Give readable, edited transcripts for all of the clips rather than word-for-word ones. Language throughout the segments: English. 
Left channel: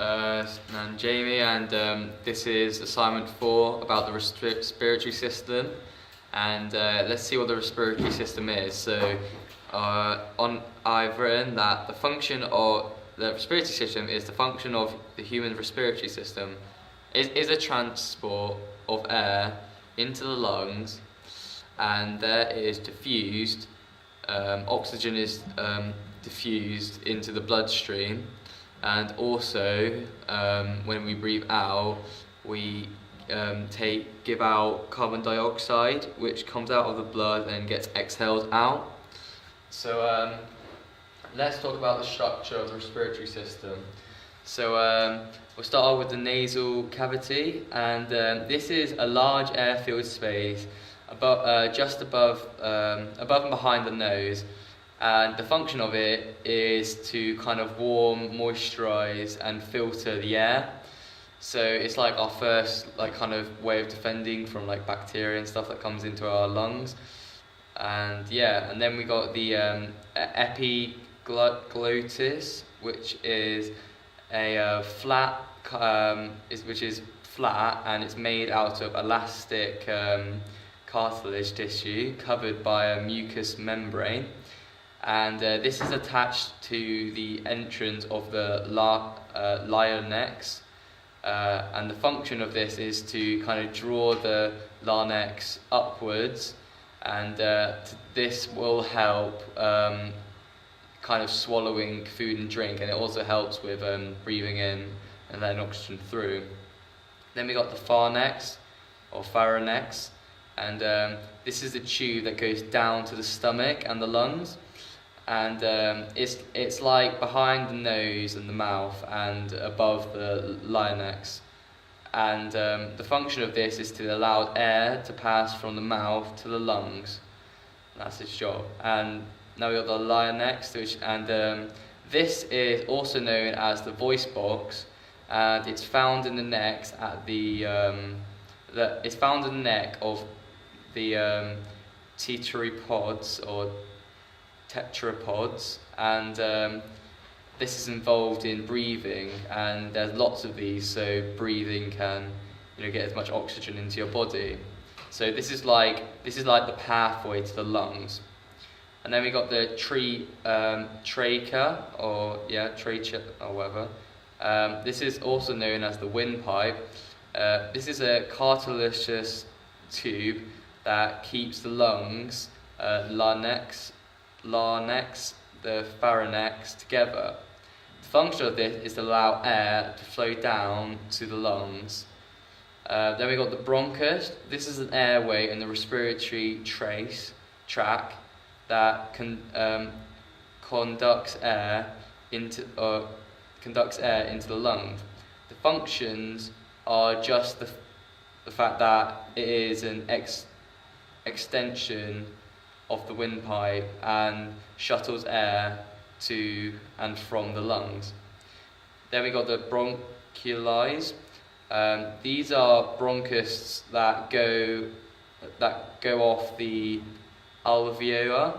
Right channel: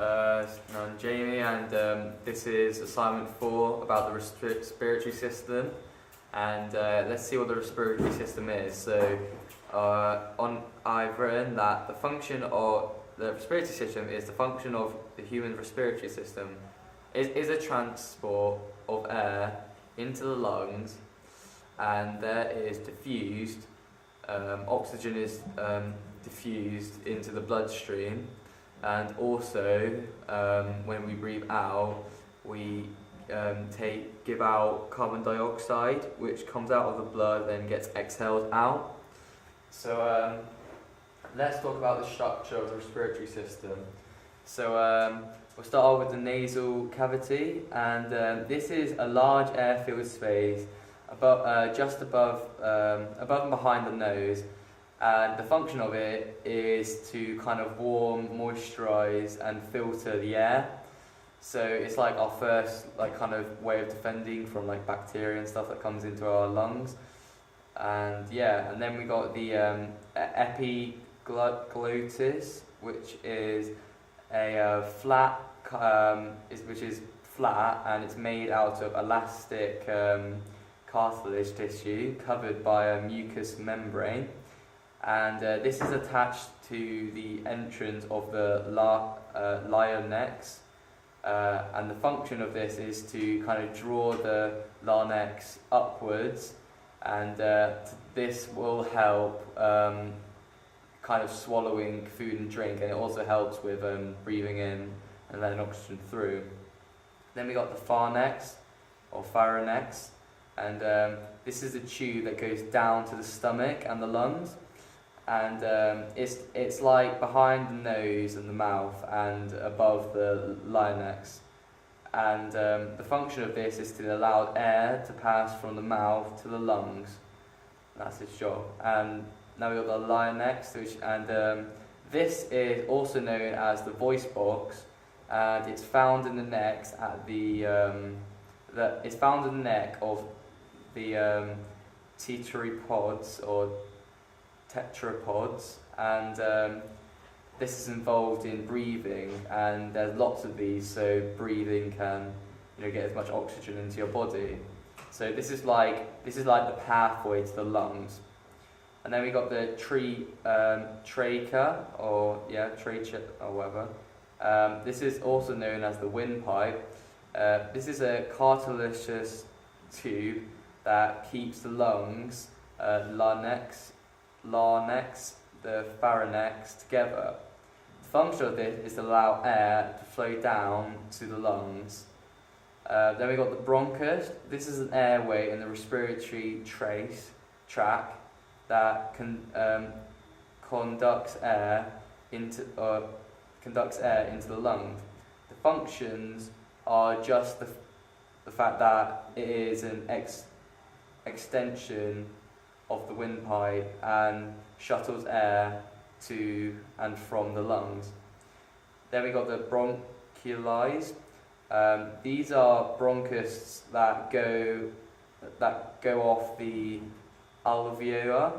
I'm Jamie, and this is assignment 4 about the respiratory system. And let's see what the respiratory system is. So, I've written that the function of the respiratory system is the function of the human respiratory system is a transport of air into the lungs, and there is diffused oxygen is diffused into the bloodstream, and also when we breathe out, we give out carbon dioxide, which comes out of the blood and gets exhaled out. So let's talk about the structure of the respiratory system. So we'll start off with the nasal cavity, and this is a large air-filled space just above and behind the nose. And the function of it is to kind of warm, moisturize, and filter the air. So it's like our first kind of way of defending from bacteria and stuff that comes into our lungs. And then we got the epiglottis, which is a flat, which is flat, and it's made out of elastic cartilage tissue covered by a mucous membrane. And this is attached to the entrance of the larynx, and the function of this is to kind of draw the larynx upwards, and this will help kind of swallowing food and drink, and it also helps with breathing in and letting oxygen through. Then we got the pharynx or pharynx, and this is a tube that goes down to the stomach and the lungs. And it's like behind the nose and the mouth and above the larynx. And the function of this is to allow air to pass from the mouth to the lungs. That's its job. And now we've got the larynx, this is also known as the voice box, and it's found in the neck at it's found in the neck of the tetrapods or tetrapods, and this is involved in breathing, and there's lots of these, so breathing can get as much oxygen into your body. So this is like the pathway to the lungs. And then we got the trachea or whatever. This is also known as the windpipe. This is a cartilaginous tube that keeps the lungs, larynx, the pharynx together. The function of this is to allow air to flow down to the lungs. Then we got the bronchus. This is an airway in the respiratory tract that conducts air into the lungs. The functions are just the fact that it is an extension of the windpipe and shuttles air to and from the lungs. Then we got the bronchioles. These are bronchus that go off the alveolar,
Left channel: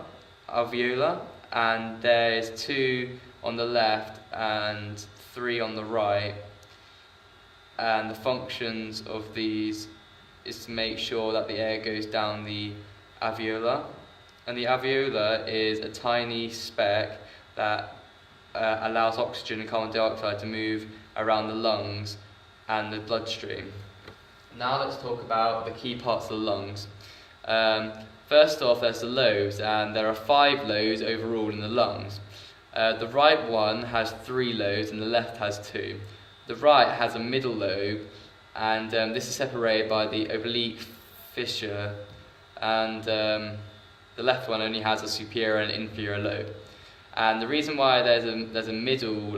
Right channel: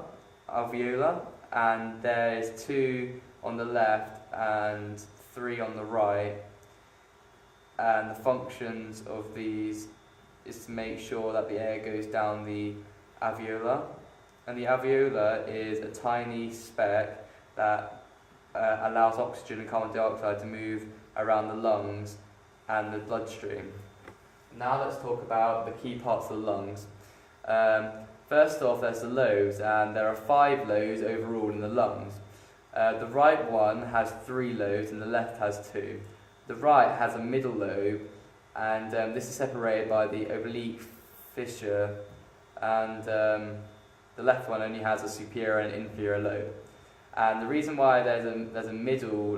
and there's 2 on the left and 3 on the right. And the functions of these is to make sure that the air goes down the alveolar. And the alveolar is a tiny speck that allows oxygen and carbon dioxide to move around the lungs and the bloodstream. Now let's talk about the key parts of the lungs. First off, there's the lobes, and there are 5 lobes overall in the lungs. The right one has 3 lobes and the left has 2. The right has a middle lobe, and this is separated by the oblique fissure, and the left one only has a superior and inferior lobe. And the reason why there's a middle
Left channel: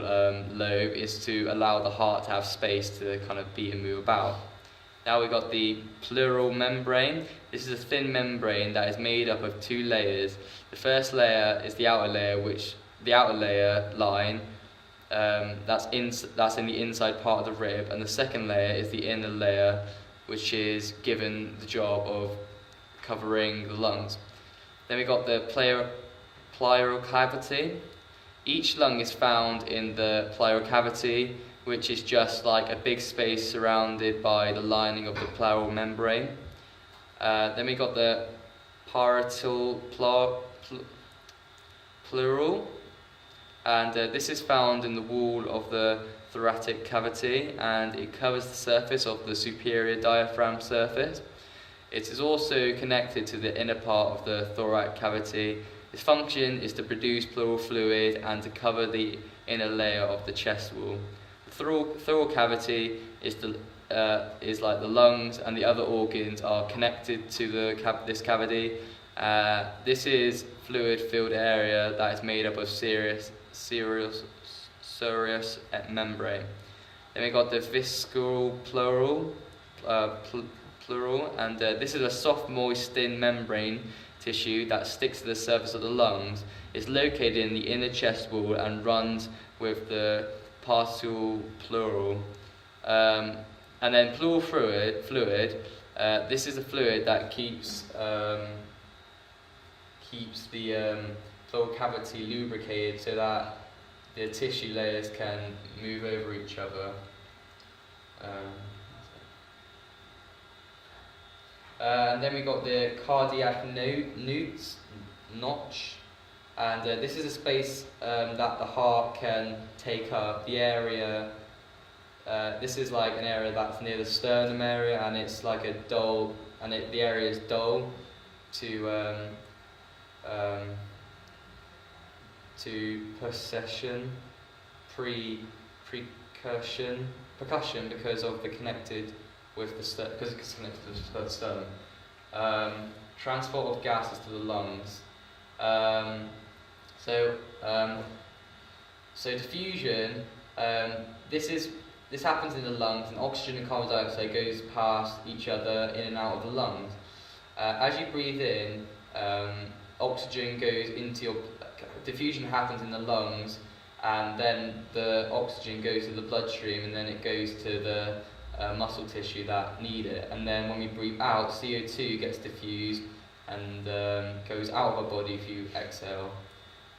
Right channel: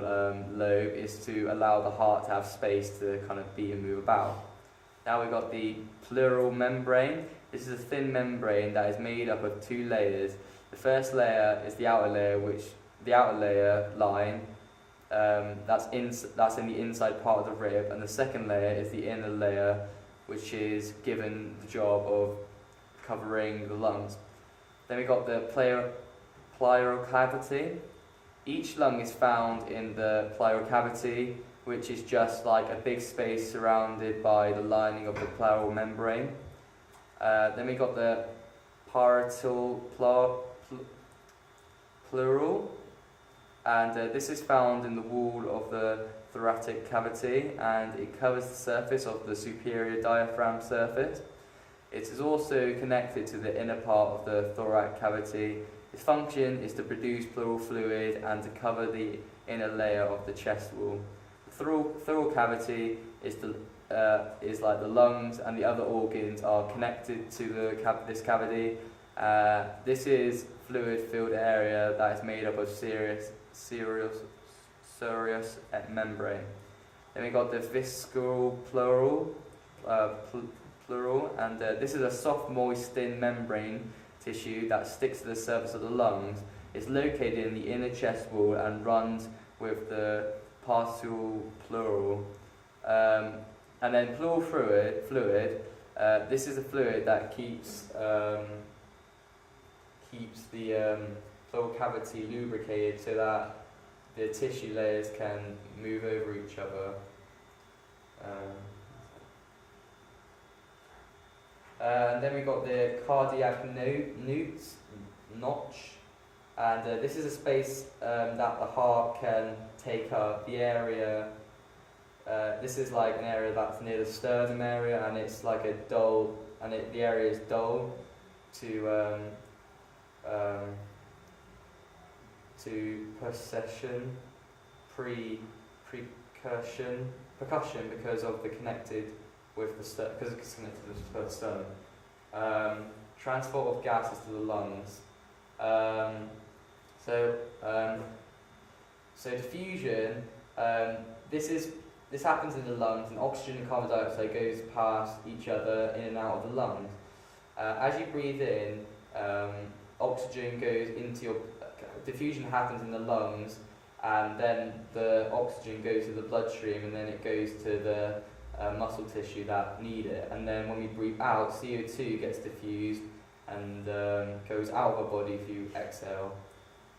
lobe is to allow the heart to have space to kind of beat and move about. Now we've got the pleural membrane. This is a thin membrane that is made up of 2 layers. The first layer is the outer layer, line, that's in the inside part of the rib, and the second layer is the inner layer, which is given the job of covering the lungs. Then we got the pleural cavity. Each lung is found in the pleural cavity, which is just like a big space surrounded by the lining of the pleural membrane. Then we got the parietal pleural, and this is found in the wall of the thoracic cavity, and it covers the surface of the superior diaphragm surface. It is also connected to the inner part of the thoracic cavity. Its function is to produce pleural fluid and to cover the inner layer of the chest wall. The pleural cavity is like the lungs, and the other organs are connected to this cavity. This is fluid-filled area that is made up of serous membrane. Then we got the visceral pleural, and this is a soft, moist, thin membrane tissue that sticks to the surface of the lungs. It's located in the inner chest wall and runs with the parietal pleural. And then pleural fluid. This is a fluid that keeps the pleural cavity lubricated so that the tissue layers can move over each other. And then we got the cardiac notch, and this is a space that the heart can take up. The area, this is like an area that's near the sternum area, and it's like a dull, and the area is dull to percussion because of the connected with the because it's connected to the sternum. Transport of gases to the lungs. So diffusion. This happens in the lungs, and oxygen and carbon dioxide goes past each other in and out of the lungs. As you breathe in, oxygen goes into your. Diffusion happens in the lungs, and then the oxygen goes to the bloodstream, and then it goes to the muscle tissue that need it. And then when we breathe out, CO2 gets diffused and goes out of our body if you exhale.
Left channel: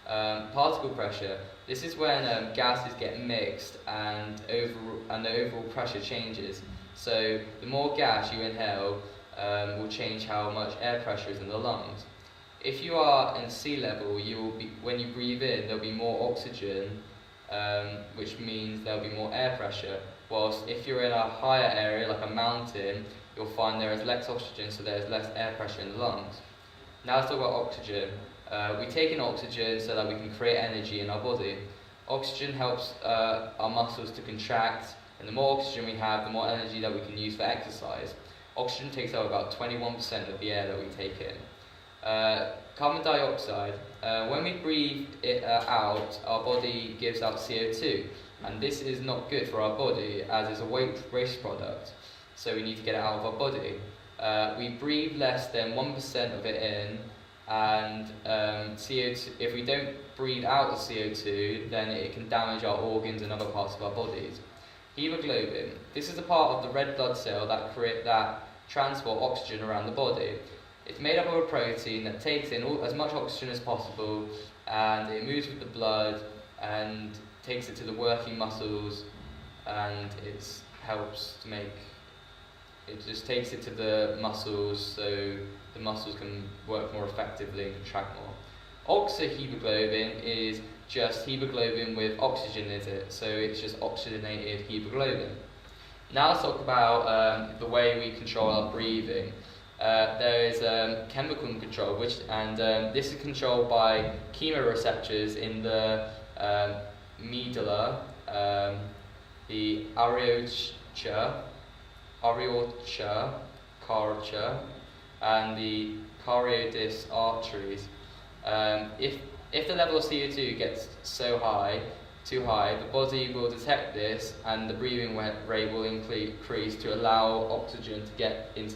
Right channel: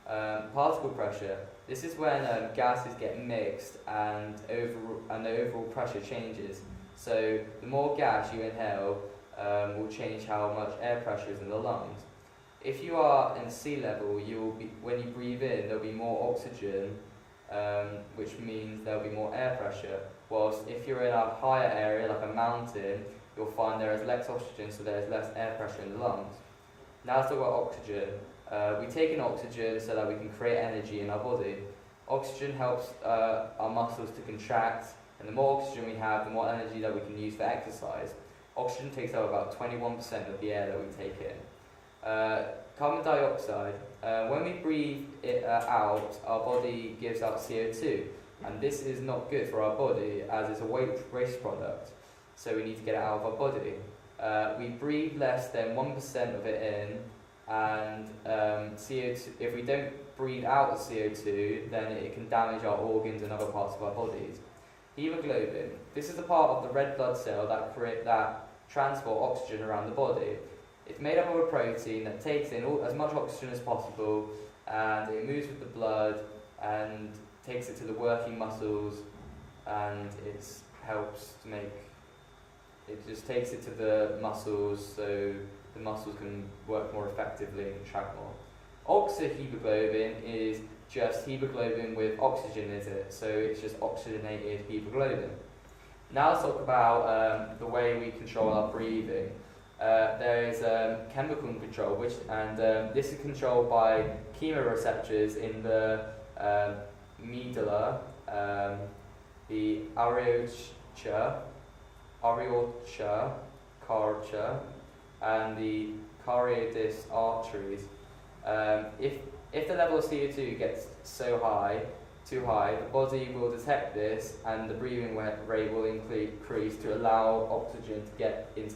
Particle pressure. This is when gases get mixed and the overall pressure changes. So the more gas you inhale will change how much air pressure is in the lungs. If you are in sea level, when you breathe in, there'll be more oxygen, which means there'll be more air pressure. Whilst if you're in a higher area, like a mountain, you'll find there is less oxygen, so there's less air pressure in the lungs. Now let's talk about oxygen. We take in oxygen so that we can create energy in our body. Oxygen helps our muscles to contract, and the more oxygen we have, the more energy that we can use for exercise. Oxygen takes up about 21% of the air that we take in. Carbon dioxide. When we breathe it out, our body gives out CO2, and this is not good for our body as it's a waste product, so we need to get it out of our body. We breathe less than 1% of it in, and CO2, if we don't breathe out the CO2, then it can damage our organs and other parts of our bodies. Hemoglobin. This is the part of the red blood cell that transport oxygen around the body. It's made up of a protein that takes in as much oxygen as possible, and it moves with the blood and takes it to the working muscles, and it just takes it to the muscles so the muscles can work more effectively and contract more. Oxyhemoglobin is just hemoglobin with oxygen in it, so it's just oxygenated hemoglobin. Now let's talk about the way we control our breathing. There is chemical control, this is controlled by chemoreceptors in the medulla, the aorta, carotid, and the carotid arteries. If the level of CO2 gets too high, the body will detect this, and the breathing rate will increase to allow oxygen to get into